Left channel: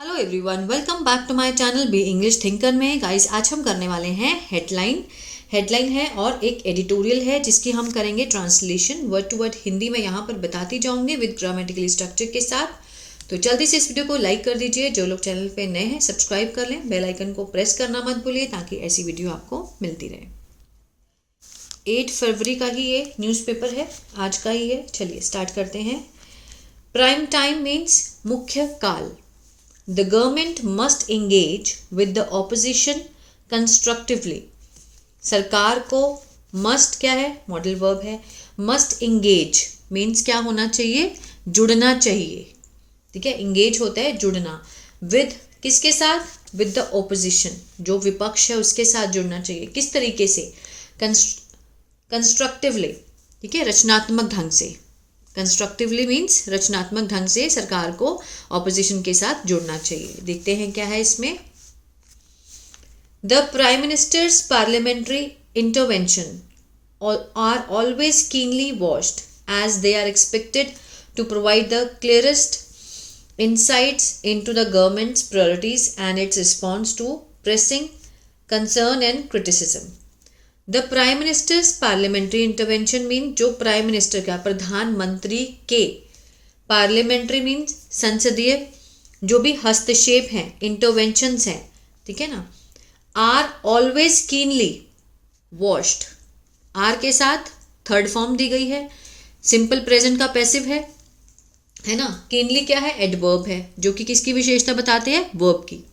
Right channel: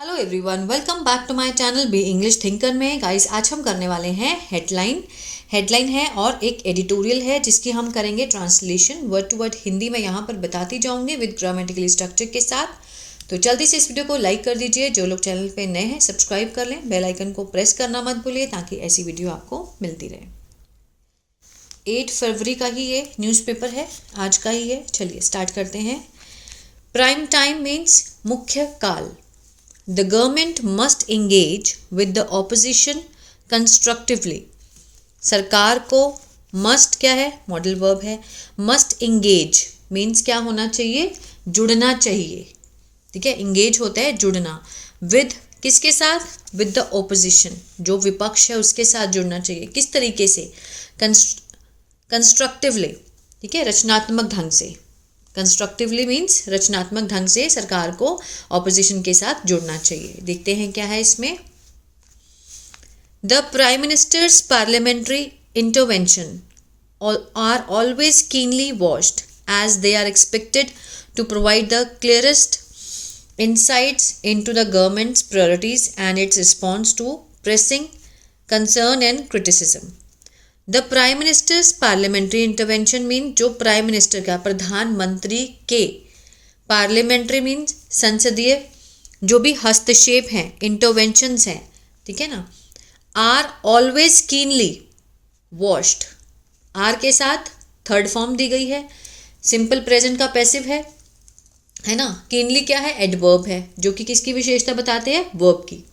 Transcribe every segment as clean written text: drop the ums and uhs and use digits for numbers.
Hello everyone, welcome back to my channel be English thinker में। Guys, आज हम करने वाले हैं हेडलाइन है और एक एडिटोरियल है जिसकी हम करेंगे translation word to word. Hindi में यहाँ पर बताती जाऊँगी विद ग्रामेटिकल स्ट्रक्चर के साथ। तो जल्दी से इस वीडियो को लाइक कर दीजिए। जो लोग चैनल पे नए हैं सब्सक्राइब कर लें, बेल आइकन को प्रेस करना मत भूलिए ताकि ऐसी वीडियो आपको मिलती रहे। 8 फरवरी का ही ये न्यूज़पेपर है, आज का ही है। चलिए स्टार्ट करते हैं। प्राइम टाइम मीन्स मुख्य काल। The government must engage with the opposition constructively. सरकार को must क्या है? मॉडल वर्ब है। must engage means क्या होना चाहिए? जुड़ना चाहिए। ठीक है, engage होता है जुड़ना। with किसके साथ? with the opposition, जो विपक्ष है उसके साथ जुड़ना चाहिए। किस तरीके से? constructively, ठीक है, रचनात्मक ढंग से। कंस्ट्रक्टिवली मीन्स रचनात्मक ढंग से सरकार को ऑपोजिशन के साथ जुड़ना चाहिए। देखते हैं क्या है इसमें। The prime minister's parliamentary intervention are always keenly watched as they are expected to provide the clearest insights into the government's priorities and its response to pressing concern and criticism. The prime minister's parliamentary intervention mean जो prime minister का, प्रधानमंत्री के, parliamentary means संसदीय, जो भी हस्तक्षेप हैं, interventions हैं, ठीक है ना, are always keenly watched. Are के साथ थर्ड फॉर्म दी गई है, सिंपल प्रेजेंट का पैसिव है ना। कीनली क्या है? एडवर्ब है, जो कि किसकी विशेषता बताते हैं? वर्ब की।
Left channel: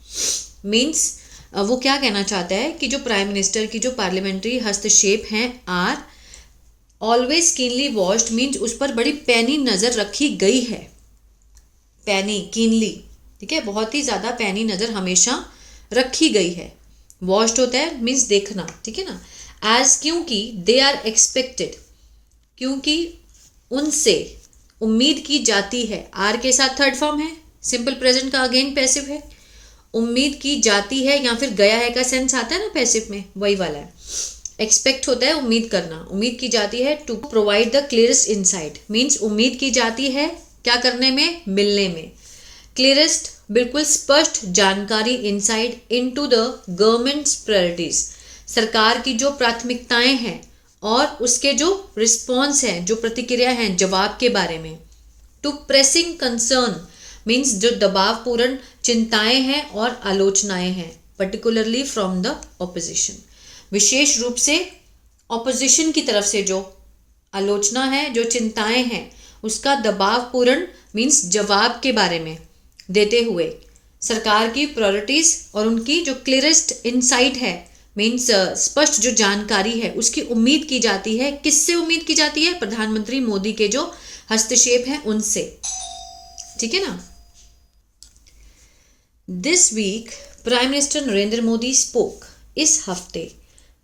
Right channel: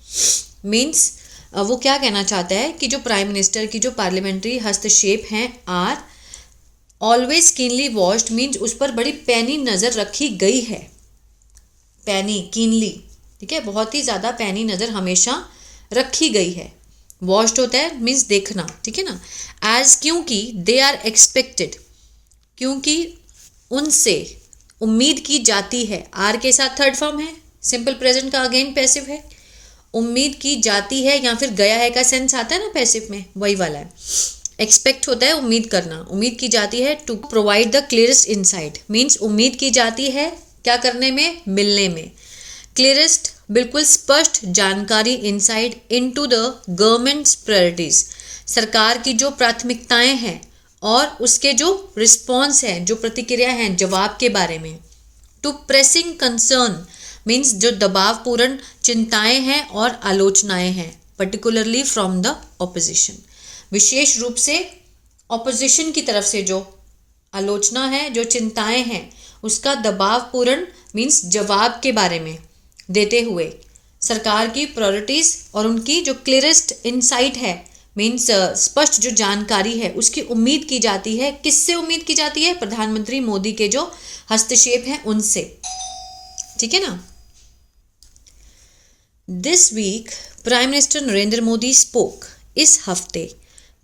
मीन्स वो क्या कहना चाहता है कि जो प्राइम मिनिस्टर की जो पार्लियामेंट्री हस्तक्षेप हैं are always keenly watched means उस पर बड़ी पैनी नज़र रखी गई है। पैनी, कीनली, ठीक है, बहुत ही ज़्यादा पैनी नज़र हमेशा रखी गई है। वॉच्ड होता है मीन्स देखना, ठीक है ना। एज क्योंकि दे आर एक्सपेक्टेड, क्योंकि उनसे उम्मीद की जाती है। आर के साथ थर्ड फॉर्म है, सिंपल प्रेजेंट का अगेन पैसिव है। उम्मीद की जाती है या फिर गया है का सेंस आता है ना पैसिव में, वही वाला है। एक्सपेक्ट होता है उम्मीद करना, उम्मीद की जाती है to provide the clearest insight means उम्मीद की जाती है क्या करने में? मिलने में। क्लियरेस्ट बिल्कुल स्पष्ट जानकारी, insight into the governments priorities, सरकार की जो प्राथमिकताएं हैं और उसके जो रिस्पॉन्स है, जो प्रतिक्रिया है, जवाब के बारे में। टू प्रेसिंग कंसर्न मीन्स जो दबावपूर्ण चिंताएं हैं और आलोचनाएं हैं, पर्टिकुलरली फ्रॉम द ऑपोजिशन, विशेष रूप से ऑपोजिशन की तरफ से जो आलोचना है, जो चिंताएं हैं, उसका दबावपूर्ण मीन्स जवाब के बारे में देते हुए सरकार की प्रायोरिटीज और उनकी जो क्लियरेस्ट इनसाइट है मीन्स स्पष्ट जो जानकारी है उसकी उम्मीद की जाती है। किससे उम्मीद की जाती है? प्रधानमंत्री मोदी के जो हस्तक्षेप हैं उनसे, ठीक है ना। This week prime minister Narendra Modi spoke, इस हफ्ते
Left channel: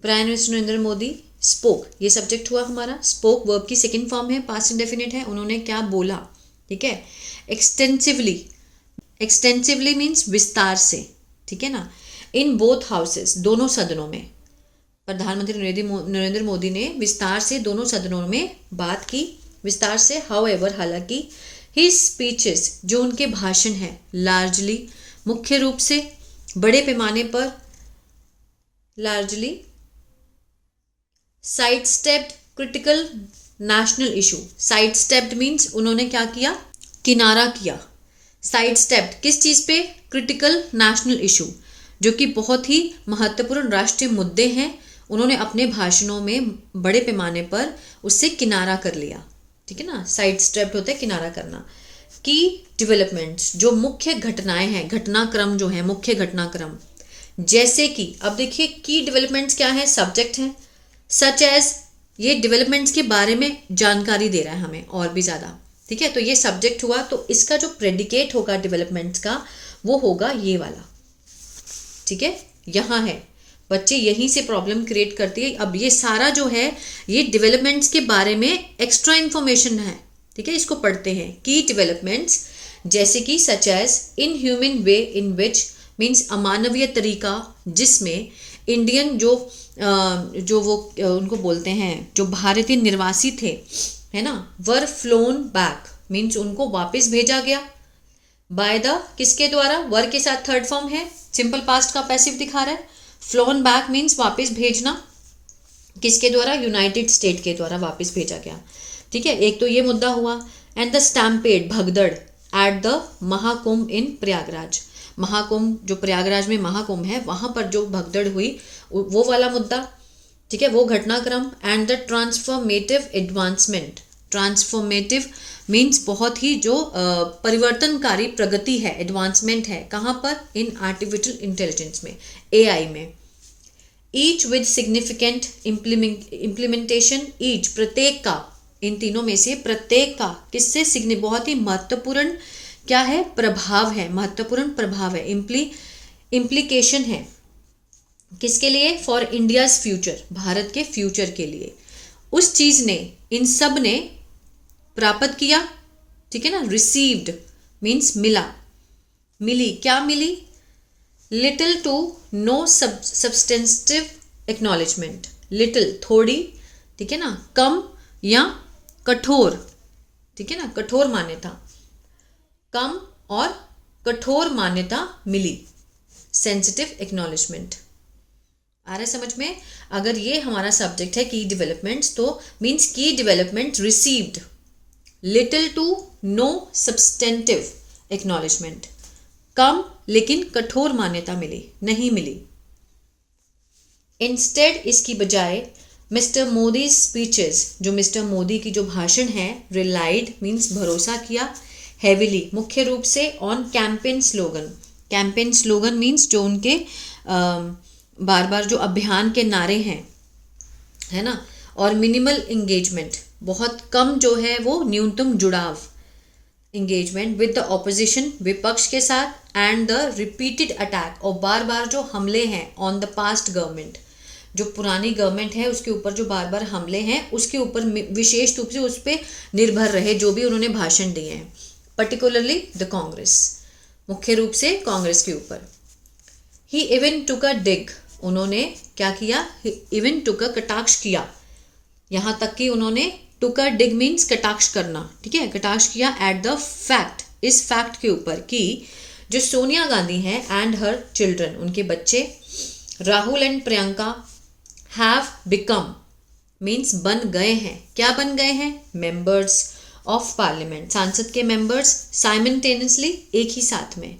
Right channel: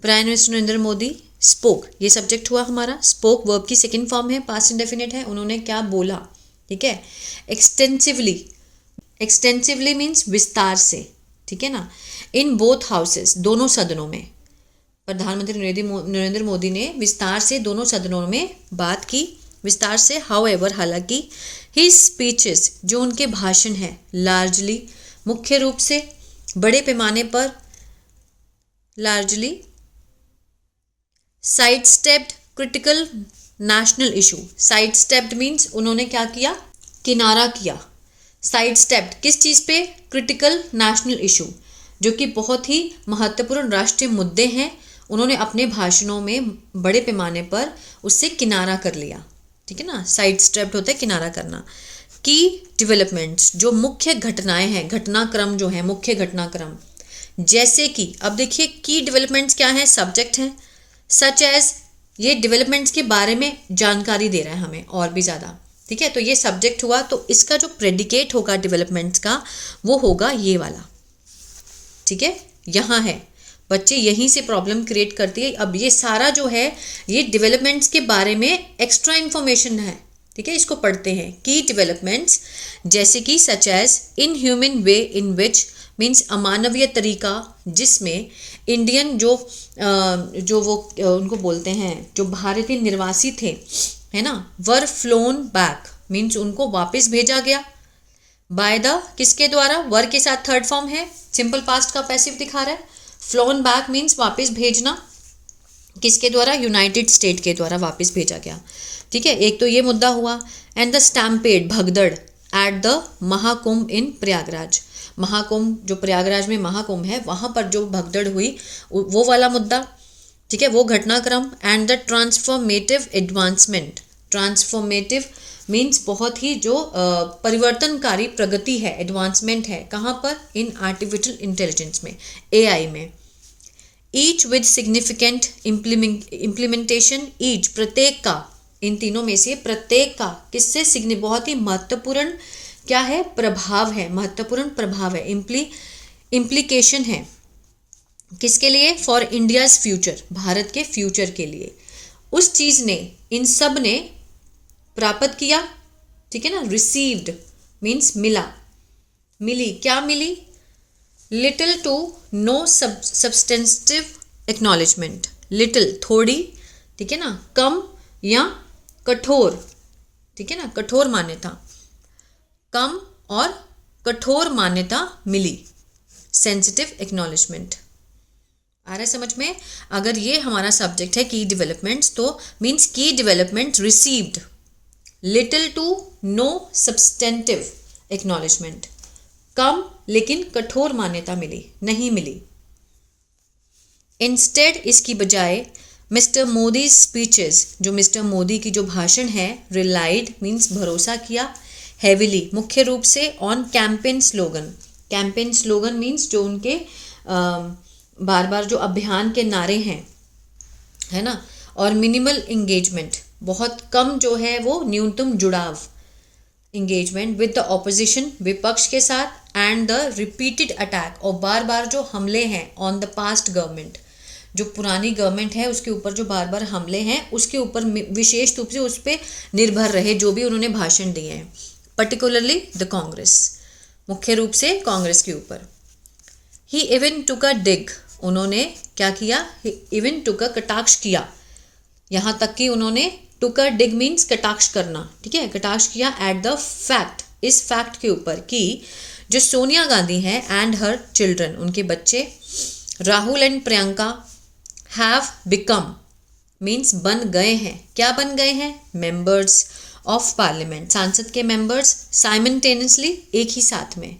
prime minister Narendra Modi spoke, ये सब्जेक्ट हुआ हमारा। स्पोक वर्ब की सेकंड फॉर्म है, पास्ट इंडेफिनिट है। उन्होंने क्या बोला, ठीक है। एक्सटेंसिवली, एक्सटेंसिवली मीन्स विस्तार से, ठीक है ना। इन बोथ हाउसेस, दोनों सदनों में प्रधानमंत्री नरेंद्र मोदी ने विस्तार से दोनों सदनों में बात की, विस्तार से। हाउएवर, हालांकि, हिज स्पीचेस, जो उनके भाषण हैं, लार्जली, मुख्य रूप से, बड़े पैमाने पर, largely side stepped critical national issue. Side stepped means उन्होंने क्या किया? किनारा किया। साइड स्टेप्ड किस चीज़ पे? क्रिटिकल नेशनल इशू, जो कि बहुत ही महत्वपूर्ण राष्ट्रीय मुद्दे हैं। उन्होंने अपने भाषणों में बड़े पैमाने पर उससे किनारा कर लिया, ठीक है ना। साइड स्टेप्ड होता है किनारा करना। की डेवलपमेंट्स, जो मुख्य घटनाएं हैं, घटनाक्रम जो है, मुख्य घटनाक्रम, जैसे कि, अब देखिए की डेवलपमेंट्स क्या है? सब्जेक्ट है। सच एज, ये डेवलपमेंट्स के बारे में जानकारी दे रहा है हमें और भी ज़्यादा, ठीक है। तो ये सब्जेक्ट हुआ, तो इसका जो प्रेडिकेट होगा डेवलपमेंट्स का वो होगा ये वाला, ठीक है, यहाँ है। बच्चे यहीं से प्रॉब्लम क्रिएट करती है। अब ये सारा जो है ये डेवलपमेंट्स के बारे में एक्स्ट्रा इन्फॉर्मेशन है, ठीक है। इसको पढ़ते हैं। की डेवलपमेंट्स जैसे कि such as inhuman way in which means अमानवीय तरीका जिसमें इंडियन जो वो उनको बोलते हैं जो भारतीय निर्वासी थे, है ना, वर फ्लोन बैक मीन्स उनको वापस भेजा गया। बाय द किसके द्वारा, वर के साथ थर्ड फॉर्म है, सिंपल पास्ट का पैसिव दिखा रहा है। फ्लोन बैक मीन्स वापस भेजना, किसके द्वारा, यूनाइटेड स्टेट के द्वारा वापस भेजा गया। ठीक है, एक तो ये मुद्दा हुआ। एंड द स्टैम्पेड भगदड़ एट द महाकुंभ इन प्रयागराज, महाकुंभ जो प्रयागराज में महाकुंभ है वहाँ पर जो भगदड़ हुई वो वाला मुद्दा। ठीक है, वो घटनाक्रम। And the transformative advancement, transformative means बहुत ही जो परिवर्तनकारी प्रगति है, एडवांसमेंट है, कहाँ पर, इन आर्टिफिशियल इंटेलिजेंस में, AI में। Each with significant implementation, each प्रत्येक का, इन तीनों में से प्रत्येक का किससे बहुत ही महत्वपूर्ण क्या है, प्रभाव है, महत्वपूर्ण प्रभाव है, इम्प्लीकेशन है, किसके लिए, फॉर इंडियाज फ्यूचर, भारत के फ्यूचर के लिए। उस चीज ने, इन सब ने प्राप्त किया। ठीक है ना, रिसीव्ड मीन्स मिला, मिली, क्या मिली, little to no substantive acknowledgement, little थोड़ी, ठीक है ना, कम या कठोर, ठीक है ना, कठोर मान्यता, कम और कठोर मान्यता मिली, सेंसिटिव एक्नॉलेजमेंट। आ रहा है समझ में। अगर ये हमारा सब्जेक्ट है की डेवलपमेंट्स, तो मीन्स की development received little to no substantive acknowledgement, कम लेकिन कठोर मान्यता मिली, नहीं मिली। इंस्टेड इसकी बजाय मिस्टर मोदी स्पीचेस, जो मिस्टर मोदी की जो भाषण है, रिलाइड मीन्स भरोसा किया, हेविली मुख्य रूप से, on campaign slogan, campaign slogan means जो उनके बार बार जो अभियान के नारे हैं, है ना, और मिनिमल इंगेजमेंट, बहुत कम जो है वो न्यूनतम जुड़ाव, इंगेजमेंट विद द ऑपोजिशन, विपक्ष के साथ, एंड द रिपीटेड अटैक, और बार बार जो हमले हैं, ऑन द पास्ट गवर्नमेंट, जो पुरानी गवर्नमेंट है उसके ऊपर जो बार बार हमले हैं, उसके ऊपर विशेष रूप से उस पर निर्भर रहे जो भी उन्होंने भाषण दिए हैं, पर्टिकुलरली द कांग्रेस, मुख्य रूप से कांग्रेस के ऊपर। ही इवन टुक अ डिग, उन्होंने क्या किया, इवन टुक अ कटाक्ष किया, यहाँ तक कि उन्होंने टुक अ डिग मीन्स कटाक्ष करना, ठीक है, कटाक्ष किया एट द फैक्ट, इस फैक्ट के ऊपर कि जो सोनिया गांधी हैं एंड हर चिल्ड्रन, उनके बच्चे, Rahul and Priyanka have become means बन गए हैं, क्या बन गए हैं, मेंबर्स ऑफ पार्लियामेंट, सांसद के मेंबर्स, साइमल्टेनियसली एक ही साथ में।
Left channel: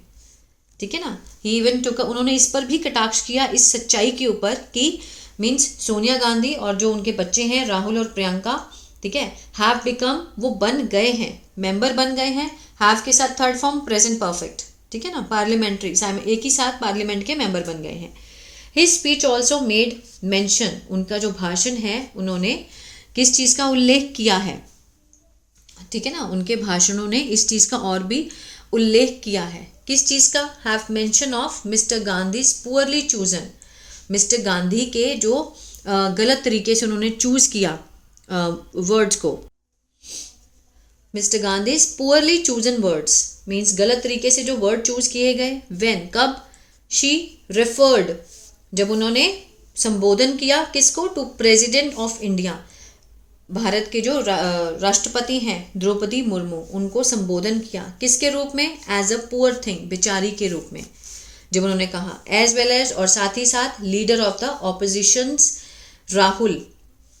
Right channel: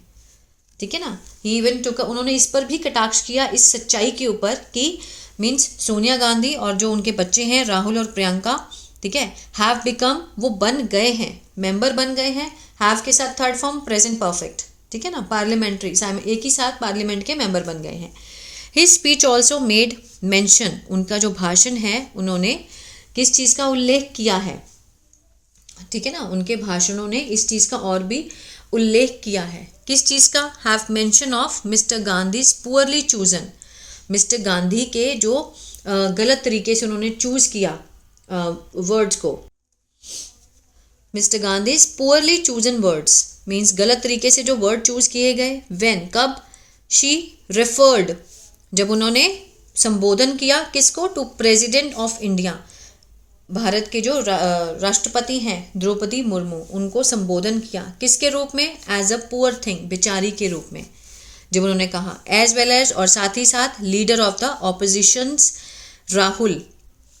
ठीक है ना, ही इवन टुक, उन्होंने इस पर भी कटाक्ष किया, इस सच्चाई के ऊपर कि मीन्स सोनिया गांधी और जो उनके बच्चे हैं राहुल और प्रियंका, ठीक है, हैव बिकम वो बन गए हैं, मेंबर बन गए हैं, हैव के साथ थर्ड फॉर्म प्रेजेंट परफेक्ट, ठीक है ना, पार्लियामेंट्री, एक ही साथ पार्लियामेंट के मेंबर बन गए हैं। His speech also made mention, उनका जो भाषण है उन्होंने किस चीज़ का उल्लेख किया है, ठीक है ना, उनके भाषणों ने इस चीज़ का और भी उल्लेख किया है, किस चीज़ का, have mention of mister Gandhi poorly chosen, mister Gandhi के जो गलत तरीके से उन्होंने चूज़ किया वर्ड्स को, mister Gandhi poorly chosen words means गलत तरीके से जो वर्ड चूज किए गए, व्हेन कब, शी रेफर्ड जब उन्होंने संबोधन किया किसको, to president of India, Bharat के जो राष्ट्रपति हैं द्रौपदी मुर्मू, उनको संबोधन किया किसके रूप में, एज अ पुअर थिंग, बेचारी के रूप में, जब उन्होंने कहा, एज वेल एज और साथ ही साथ, leader of the opposition's Rahul,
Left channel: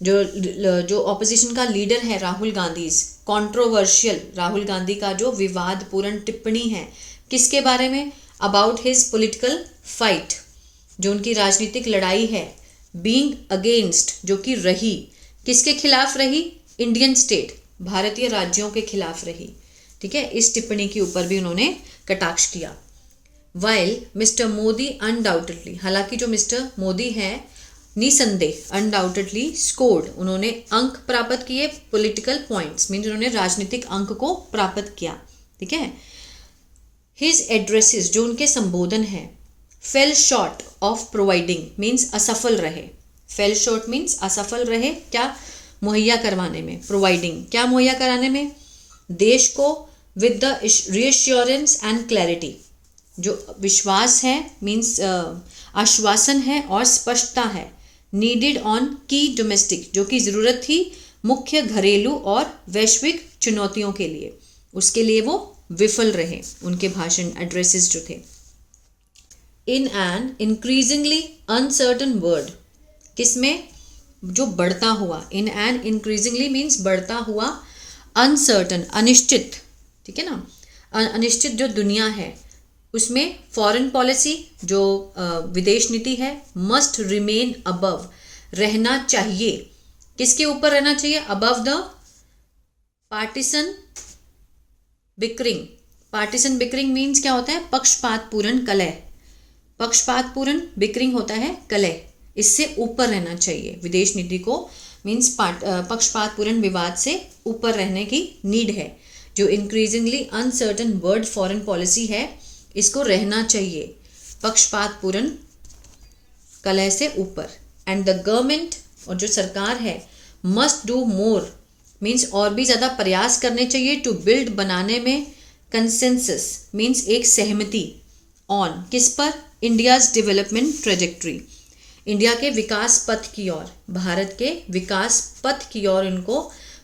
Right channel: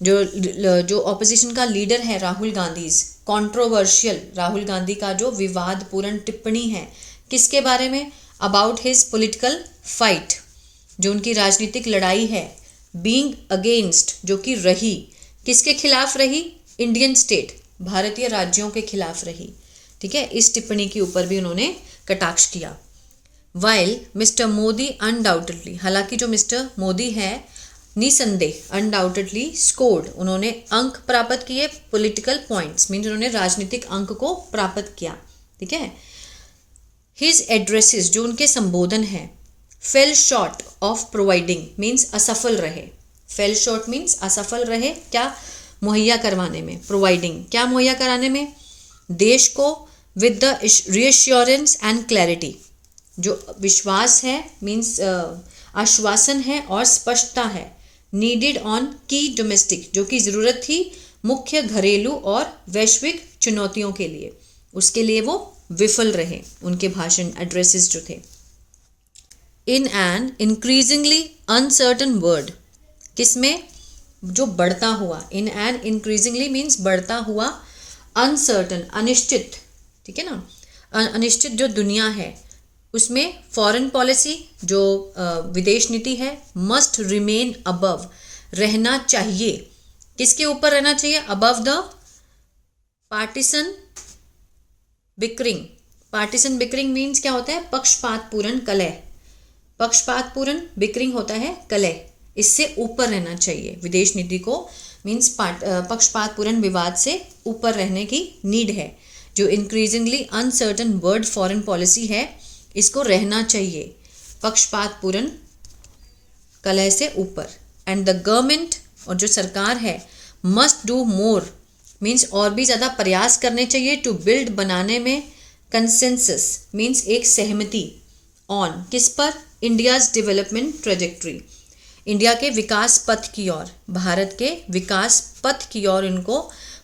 जो ऑपोजिशन का लीडर है राहुल गांधी, कंट्रोवर्शियल राहुल गांधी का जो विवादपूर्ण टिप्पणी है किसके बारे में, अबाउट हिज पॉलिटिकल फाइट, जो उनकी राजनीतिक लड़ाई है, बीइंग अगेंस्ट जो कि रही, किसके खिलाफ रही, इंडियन स्टेट, भारतीय राज्यों के खिलाफ रही, ठीक है, इस टिप्पणी के ऊपर भी उन्होंने कटाक्ष किया। वाइल मिस्टर मोदी अनडाउटेडली, हालांकि जो मिस्टर मोदी है निसंदेह, अनडाउटेडली स्कोर्ड, उन्होंने अंक प्राप्त किए, पॉलिटिकल पॉइंट्स मीन्स उन्होंने राजनीतिक अंक को प्राप्त किया, ठीक है। हिज एड्रेसेस जो उनके संबोधन है, fail short of providing means असफल रहे, फेल शॉर्ट मीन्स असफल रहे, क्या मुहैया करवाने में, प्रोवाइडिंग क्या मुहैया कराने में, देश को with the reassurance and clarity, जो विश्वास है मीन्स आश्वासन है और स्पष्टता है, नीडेड ऑन की डोमेस्टिक जो कि ज़रूरत थी मुख्य घरेलू और वैश्विक चुनौतियों के लिए, उसके लिए वो विफल रहे उनके भाषण एड्रेसेस जो थे। In an increasingly uncertain world, किसमें, जो बढ़ता हुआ, इन एन इंक्रीजिंगली मीन्स बढ़ता हुआ, अनसर्टन अनिश्चित, ठीक है ना, अनिश्चित जो दुनिया है उसमें फॉरेन पॉलिसी जो विदेश नीति है मस्ट रिमेन अबव, रहना चाहिए, किसके ऊपर रहना चाहिए, above the partisan bickering. Partisan bickering means क्या होता है, पक्षपात पूर्ण कलह, पक्षपात पूर्ण बिकरिंग होता है कलह, इससे ऊपर रहना चाहिए विदेश नीति को, मीन्स पक्षपात पूर्ण विवाद से ऊपर रहने की नीड है। जो increasingly uncertain world foreign policy है इसको रहना चाहिए पक्षपात पूर्ण कलह से ऊपर। एंड द गवर्नमेंट, और जो सरकार है, मस्ट डू मोर मीन्स और भी ज़्यादा प्रयास करने चाहिए, टू बिल्ड बनाने में, कंसेंसस मीन्स एक सहमति, ऑन किस पर, इंडियाज़ डेवलपमेंट ट्रेजेक्ट्री, इंडिया के विकास पथ की ओर, भारत के विकास पथ की ओर इनको,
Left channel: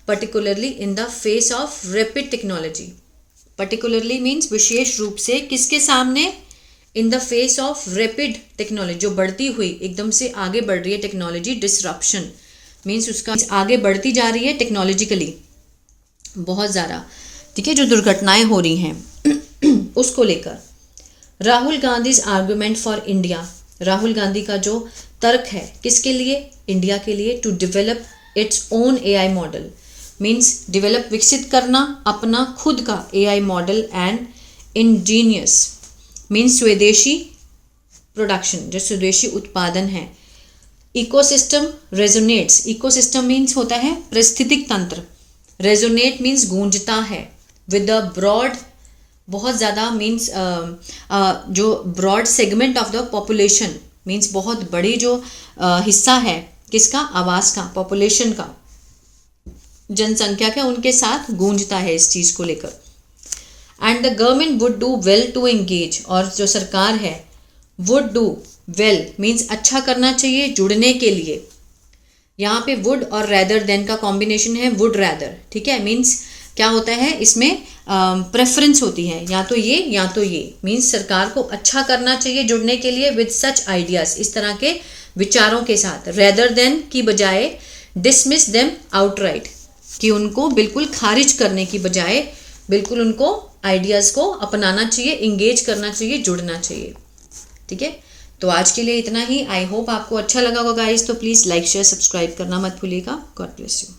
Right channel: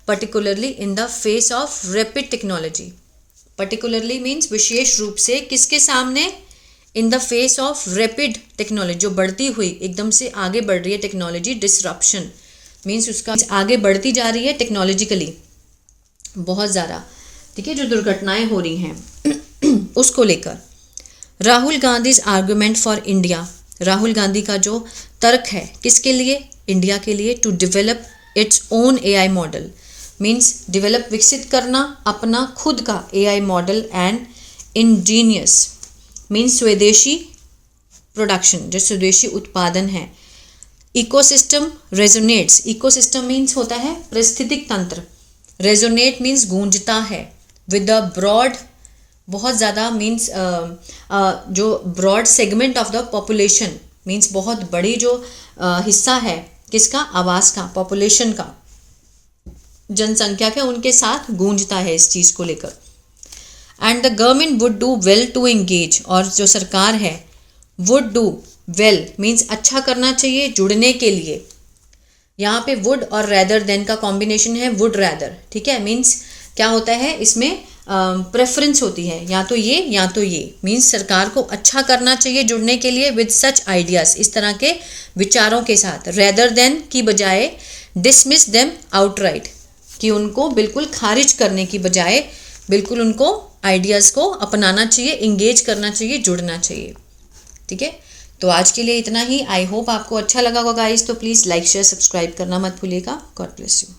particularly in the face of rapid technology, particularly means विशेष रूप से किसके सामने, in the face of rapid technology, जो बढ़ती हुई एकदम से आगे बढ़ रही है टेक्नोलॉजी, डिसरप्शन मीन्स उसका आगे बढ़ती जा रही है टेक्नोलॉजिकली बहुत ज़्यादा, ठीक है, जो दुर्घटनाएं हो रही हैं उसको लेकर। Rahul Gandhi's argument for India, Rahul Gandhi का जो तर्क है किसके लिए, इंडिया के लिए, to develop its own AI model means develop विकसित करना अपना खुद का AI model, and indigenous means स्वदेशी प्रोडक्शन, जो स्वदेशी उत्पादन है। इकोसिस्टम रेजोनेट्स, इकोसिस्टम मीन्स होता है पारिस्थितिक तंत्र, रेजोनेट मीन्स गूंजता है, विद अ ब्रॉड, बहुत ज़्यादा मीन्स जो broad segment of the population means बहुत बड़ी जो हिस्सा है किसका, आवाज़ का, पॉपुलेशन का, जनसंख्या के उनके साथ गूंजता है इस चीज़ को लेकर। And the government would do well to engage, और जो सरकार है वुड डू वेल मीन्स अच्छा करना चाहिए, जुड़ने के लिए, यहाँ पे वुड और रैदर देन का कॉम्बिनेशन है, वुड रैदर, ठीक है, मीन्स क्या होता है इसमें प्रेफरेंस होती है, या तो ये या तो ये, मीन्स सरकार को अच्छा करना चाहिए जुड़ने के लिए विद सच आइडियाज़, इस तरह के विचारों के साथ, रेदर देन की बजाय, डिसमिस देम आउटराइट, कि उनको बिल्कुल खारिज करने की बजाय बिल्कुल उनको आइडियाज़ को अपनाना चाहिए, इंगेज करना चाहिए, जुड़ना चाहिए, ठीक है। तो आज के लिए इतना ही। आई होप आपको अच्छा लगा होगा गाइस, तो प्लीज़ लाइक शेयर सब्सक्राइब करना मत भूलिएगा। God bless you.